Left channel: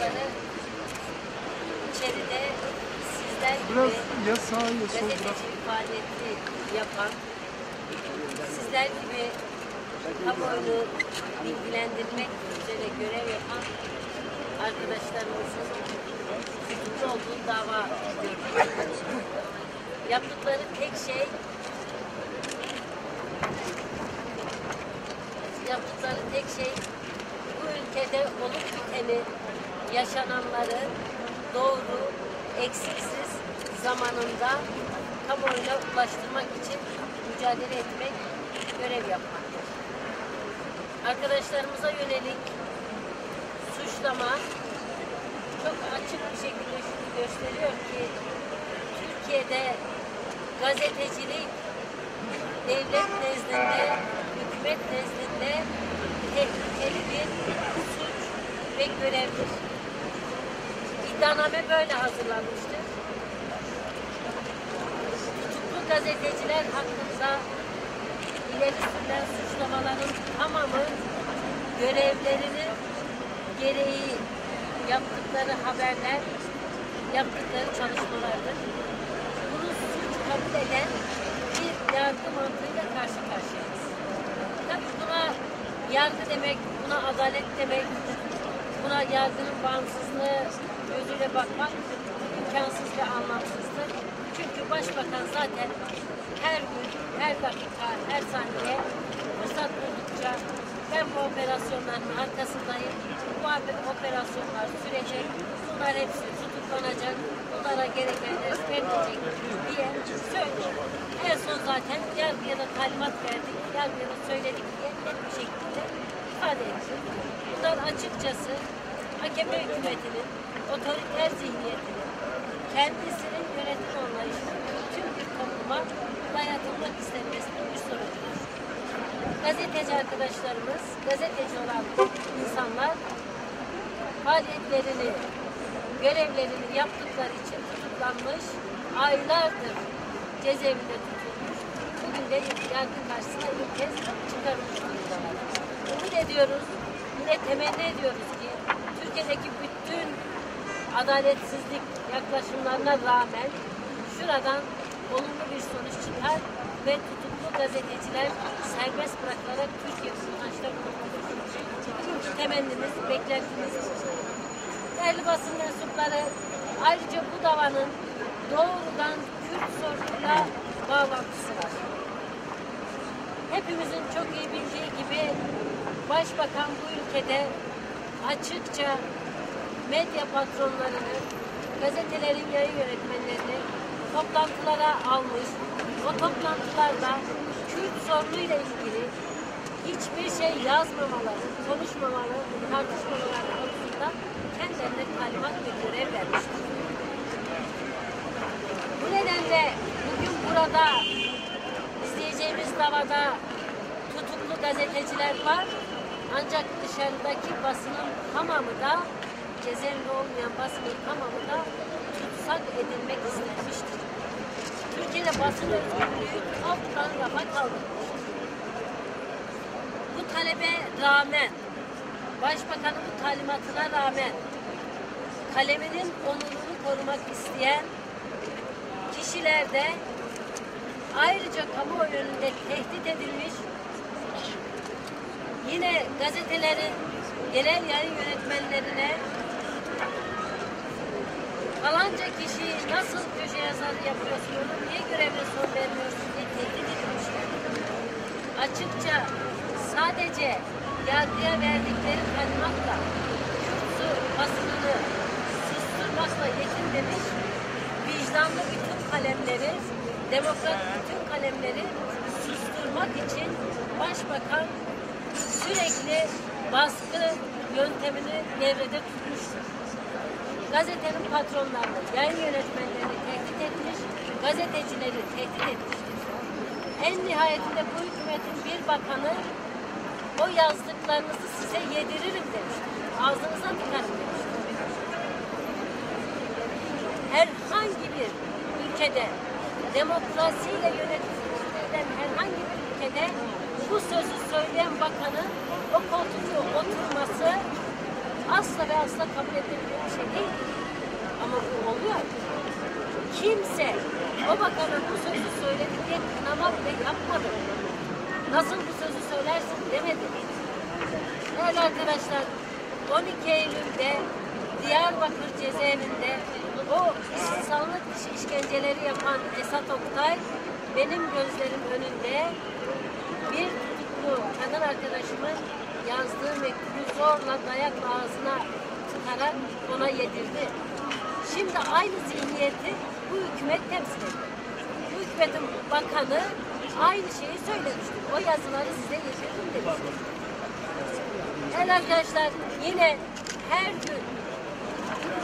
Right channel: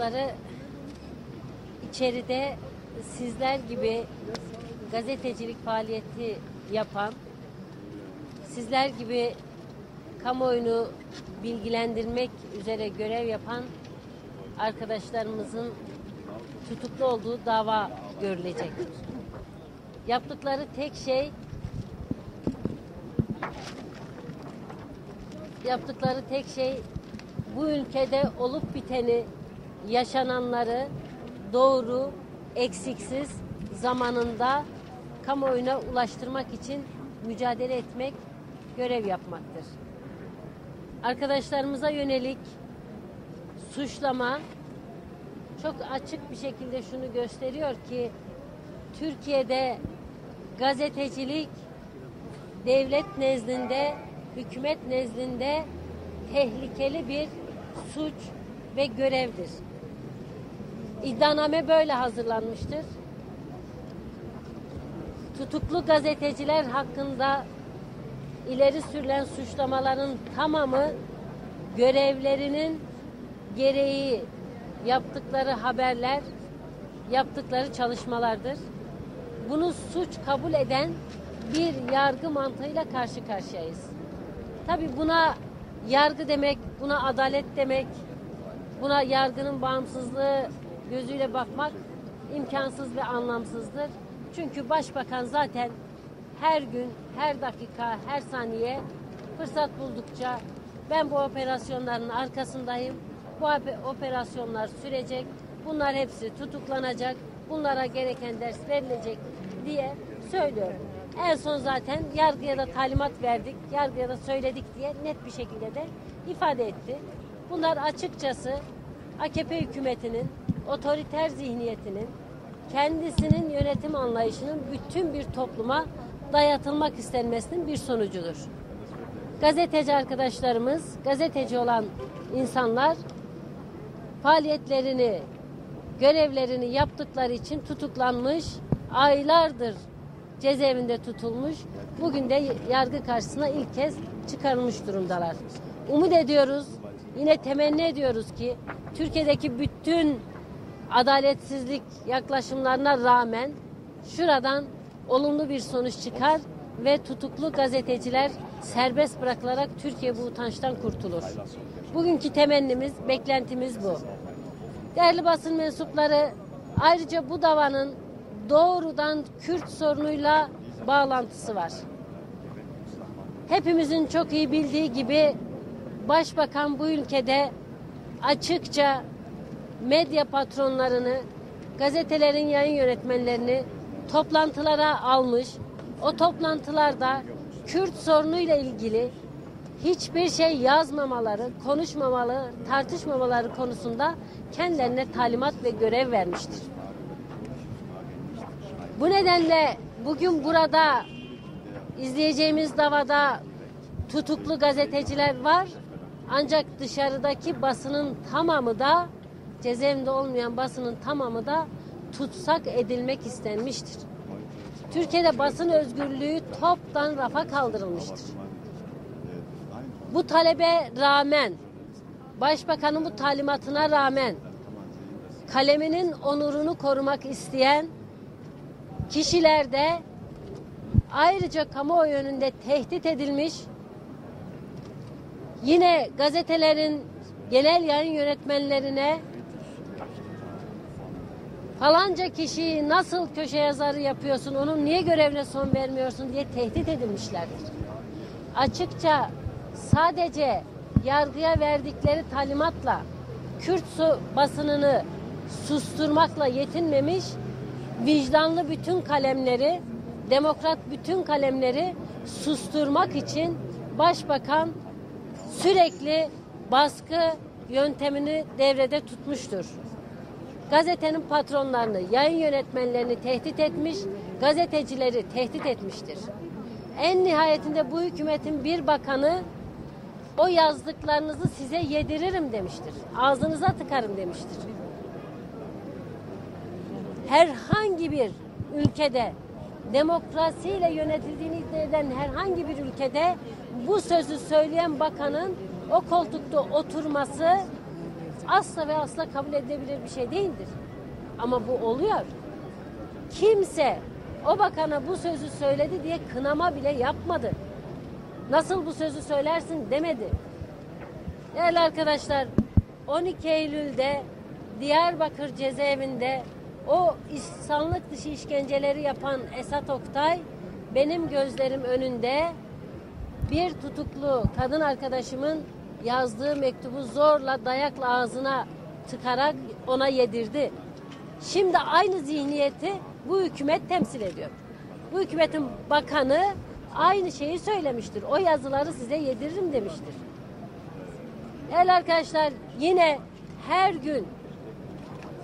yaptıkları içeride sizler gibi gazetecilik faaliyeti yapan, sizler gibi kamuoyunu bilgilendirmek üzere görev yapan arkadaşlarımızın tutuklu olduğu dava görülecek. Yaptıkları tek şey bu ülkede olup biteni, yaşananları doğru, eksiksiz zamanında kamuoyuna ulaştırmak için mücadele etmek, görev yapmaktır. Arkadaşlarımıza yönelik suçlama çok açık bir şekilde şunu gösteriyor ki Türkiye'de gazetecilik devlet nezdinde, hükümet nezdinde tehlikeli bir suç ve görevdir. İddianame böyle hazırlanmıştır. Tutuklu gazeteciler hakkında ileri sürülen suçlamaların tamamı görevlerinin gereği yaptıkları haberler, yaptıkları çalışmalardır. Bunu suç kabul eden bir yargı mantığıyla karşı karşıyayız. Tabii buna yargı demek, buna adalet demek, buna yargının bağımsızlığı gözüyle bakmak imkansız ve anlamsızdır. Çünkü başbakan zaten her gün, her dakika, her saniye fırsat buldukça ben bu operasyonların arkasındayım, bu operasyonlar sürecek, bunlar hepsi tutuklanacak, bunlara gereken ders verilecek diye söylüyor. En son zaten yargıya da talimat verdik, yargıya da söyledik diye net bir şekilde de ifade etti. Bunlar açıkçası AKP hükümetinin otoriter zihniyetinin, kendisinin yönetim anlayışının bütün bir topluma dayatılmak istenmesinin bir sonucudur. Gazeteci arkadaşlarımız, gazeteci olan insanlar faaliyetlerini, görevlerini yaptıkları için tutuklanmış, aylardır cezaevinde tutulmuş, bugün de yargı karşısına ilk kez çıkarılmış durumdalar. Umut ediyoruz, yine temenni ediyoruz ki Türkiye'deki bütün adaletsizlik yaklaşımlarına rağmen şuradan olumlu bir sonuç çıkar ve tutuklu gazeteciler serbest bırakılarak Türkiye bu utançtan kurtulur. Bugünkü temennimiz, beklentimiz bu. Değerli basın mensupları, ayrıca bu davanın doğrudan Kürt sorunuyla bağlantısı var. Hepimizin çok iyi bildiği gibi Başbakan bu ülkede açıkça medya patronlarını, gazetelerin yayın yönetmenlerini toplantılara almış. O toplantılarda Kürt sorunuyla ilgili hiçbir şey yazmamaları, konuşmamaları, tartışmamaları konusunda kendilerine talimat ve görev vermiştir. Bu nedenle bugün burada izleyeceğimiz davada tutuklu gazeteciler var. Ancak dışarıdaki basının tamamı da, cezaevinde olmayan basının tamamı da tutsak edilmek istenmiştir. Türkiye'de basın özgürlüğü toptan rafa kaldırılmıştır. Bu talebe rağmen, Başbakanın bu talimatına rağmen kaleminin onurunu korumak isteyen kişiler de ayrıca kamuoyu önünde tehdit edilmiş, yine gazetelerin genel yayın yönetmenlerine falanca kişiyi nasıl köşe yazarı yapıyorsun, onun niye görevine son vermiyorsun diye tehdit edilmişlerdir. Açıkça sadece yargıya verdikleri talimatla Kürt basınını susturmakla yetinmemiş, vicdanlı bütün kalemleri, demokrat bütün kalemleri susturmak için Başbakan sürekli baskı yöntemini devrede tutmuştur. Gazetenin patronlarını, yayın yönetmenlerini tehdit etmiş, gazetecileri tehdit etmiştir. En nihayetinde bu hükümetin bir bakanı o yazdıklarınızı size yediririm demiştir. Ağzınıza tıkarım demiştir. Herhangi bir ülkede, demokrasiyle yönetildiğini eden herhangi bir ülkede bu sözü söyleyen bakanın o koltukta oturması asla ve asla kabul edilebilir bir şey değil. Ama bu oluyor. Kimse o bakana bu sözü söyledi diye kınama bile yapmadı. Nasıl bu sözü söylersin demedi. Evet arkadaşlar, 12 Eylül'de Diyarbakır cezaevinde o insanlık dışı işkenceleri yapan Esat Oktay benim gözlerim önünde bir tutuklu kadın arkadaşımın yazdığı mektubu zorla dayakla ağzına tıkarak ona yedirdi. Şimdi aynı zihniyeti bu hükümet temsil ediyor. Bu hükümetin bakanı aynı şeyi söylemiştir. O yazıları size yediririm demiştir. Evet arkadaşlar, yine her gün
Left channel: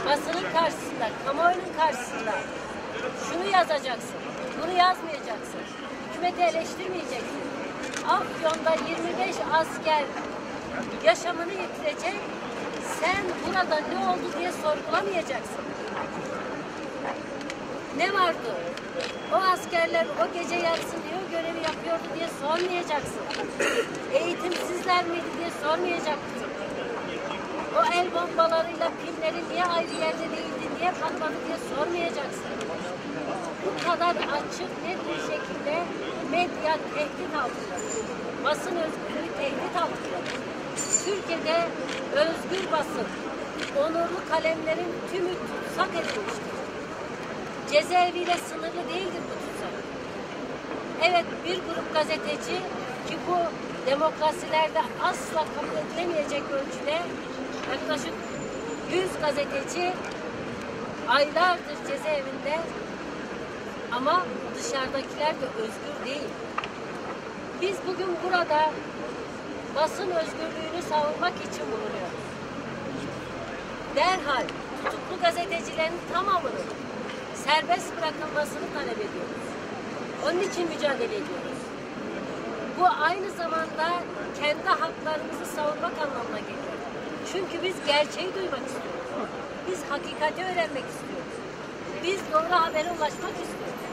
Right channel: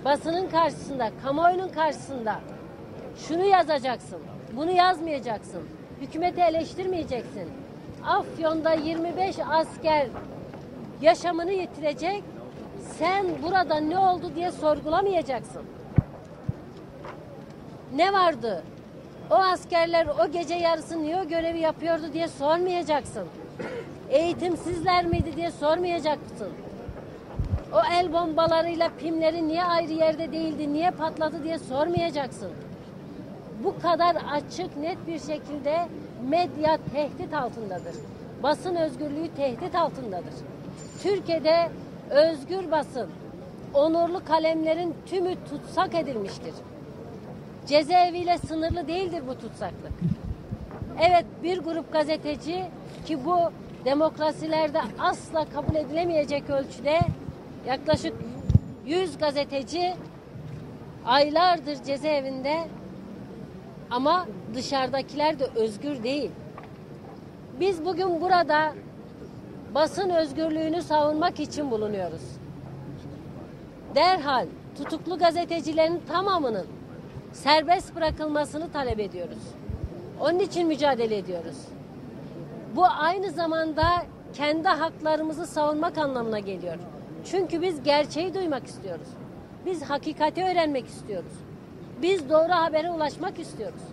basının karşısında, kamuoyunun karşısında şunu yazacaksın, bunu yazmayacaksın, hükümeti eleştirmeyeceksin. Afyon'da 25 asker yaşamını yitirecek, sen burada ne oldu diye sorgulamayacaksın. Ne vardı? O askerler o gece yarısı niye o görevi yapıyordu diye sormayacaksın. Eğitimsizler miydi diye sormayacaksın. O el bombalarıyla pimleri niye ayrı yerde değildi, niye patladı diye sormayacaksın. Bu kadar açık, net bir şekilde medya tehdit altındadır. Basın özgürlüğü tehdit altındadır. Türkiye'de özgür basın, onurlu kalemlerin tümü tutsak edilmiştir. Cezaeviyle sınırlı değildir bu tutsak. Evet, bir grup gazeteci ki bu demokrasilerde asla kabul edilemeyecek ölçüde yaklaşık 100 gazeteci aylardır cezaevinde ama dışarıdakiler de özgür değil. Biz bugün burada basın özgürlüğünü savunmak için bulunuyoruz. Derhal tutuklu gazetecilerin tamamının serbest bırakılmasını talep ediyoruz. Onun için mücadele ediyoruz. Bu aynı zamanda kendi haklarımızı savunmak anlamına geliyor. Çünkü biz gerçeği duymak istiyoruz. Biz hakikati öğrenmek istiyoruz. Biz doğru habere ulaşmak istiyoruz.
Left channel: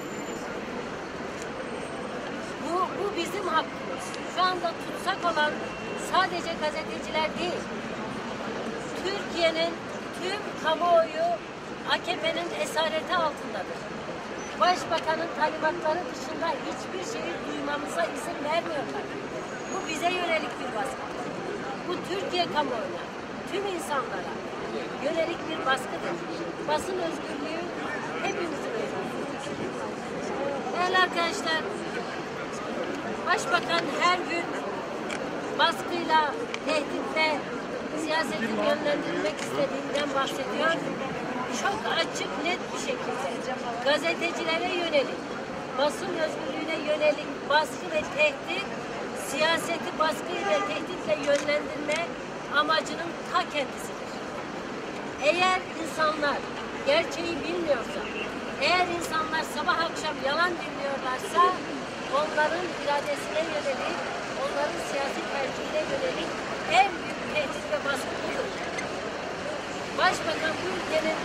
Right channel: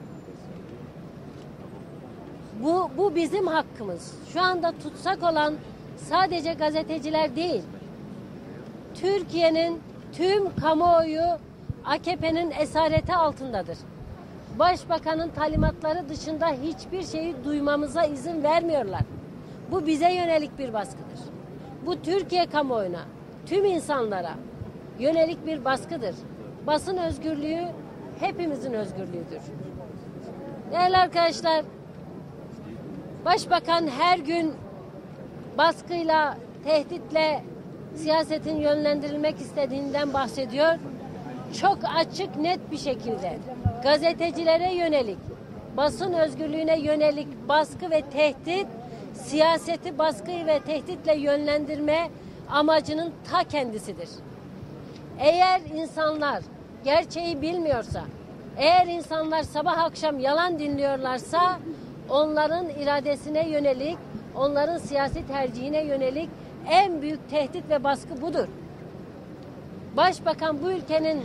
Bu bizim hakkımız. Şu anda tutsak olan sadece gazeteciler değil. Türkiye'nin tüm kamuoyu AKP'nin esareti altındadır. Başbakanın talimatları dışında hiçbir şeyi duymamıza izin vermiyorlar. Bu bize yönelik bir baskıdır. Bu Türkiye kamuoyuna, tüm insanlara yönelik bir baskıdır. Basın özgürlüğü hepimizin özgürlüğüdür. Değerli arkadaşlar, Başbakan her gün baskıyla, tehditle siyasetin yönlendirilmek istediğinden bahsediyor. Çok açık, net bir şekilde gazetecilere yönelik, basın özgürlüğüne yönelik baskı ve tehdit, siyaseti baskı ve tehditle yönlendirme amacının ta kendisidir. Eğer insanlar gerçeği bilmiyorsa, eğer insanlar sabah akşam yalan dinliyorlarsa, onların iradesine yönelik, onların siyasi tercihine yönelik en büyük tehdit ve baskı budur. Başbakan bu ülkenin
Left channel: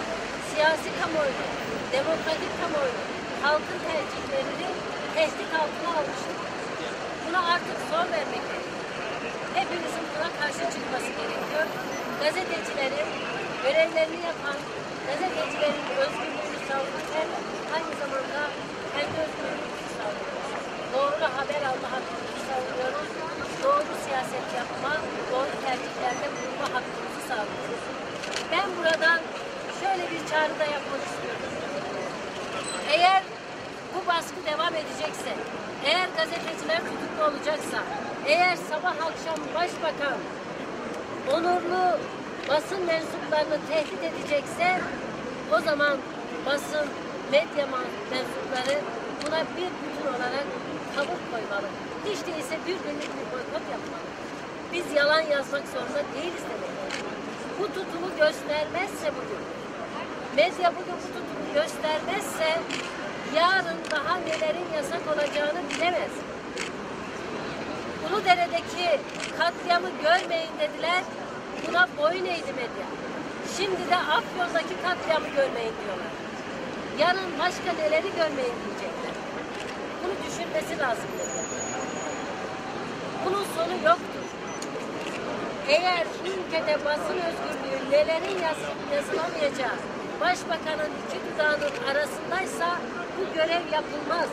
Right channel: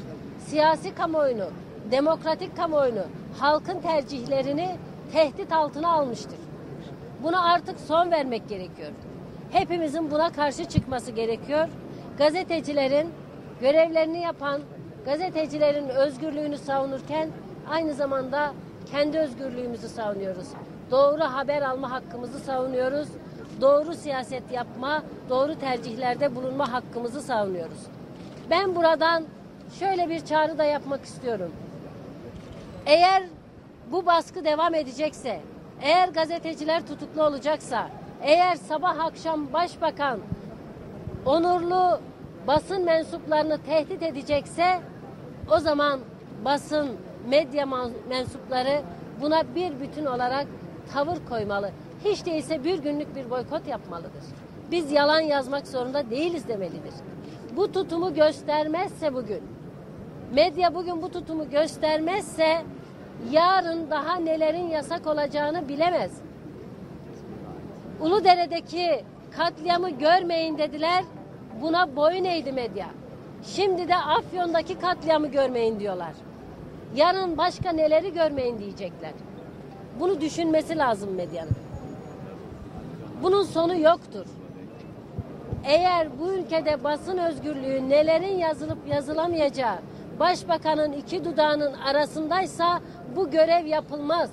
siyasi kamuoyunu, demokratik kamuoyunu, halkın tercihlerini tehdit altına almıştır. Buna artık son vermek gerekiyor. Hepimizin buna karşı çıkması gerekiyor. Gazetecilerin görevlerini yapan, gazetecilerin özgürlüğünü savunurken aynı zamanda kendi özgürlüğümüzü savunuyoruz. Doğru haber alma hakkımızı savunuyoruz. Doğru siyaset yapma, doğru tercihlerde bulunma hakkımızı savunuyoruz. Ben buradan şöyle bir çağrı da yapmak istiyorum. Eğer bu baskı devam edecekse, eğer gazeteciler tutuklu olacaksa, eğer sabah akşam başbakan onurlu basın mensuplarını tehdit edecekse, o zaman basın, medya mensupları buna bir bütün olarak tavır koymalı. Hiç değilse bir günlük bir boykot yapmalı. Biz yalan yazmak zorunda değiliz demeliyiz. Bu tutumu göstermezse bugün, medya bugün bu tutumu göstermezse yarın daha nelerin yasak olacağını bilemez. Uludere'deki katliamı görmeyin dediler, buna boyun eğdi medya. Şimdi de Afyon'daki katliamı görmeyin diyorlar. Yarın başka neleri görmeyin diyecekler. Bunu düşünmesi lazım medya. Bunun sonu yoktur. Eğer bu ülkede basın özgürlüğü nelerin yazılıp yazılamayacağı başbakanın iki dudağının arasındaysa bu görev yapılmaz.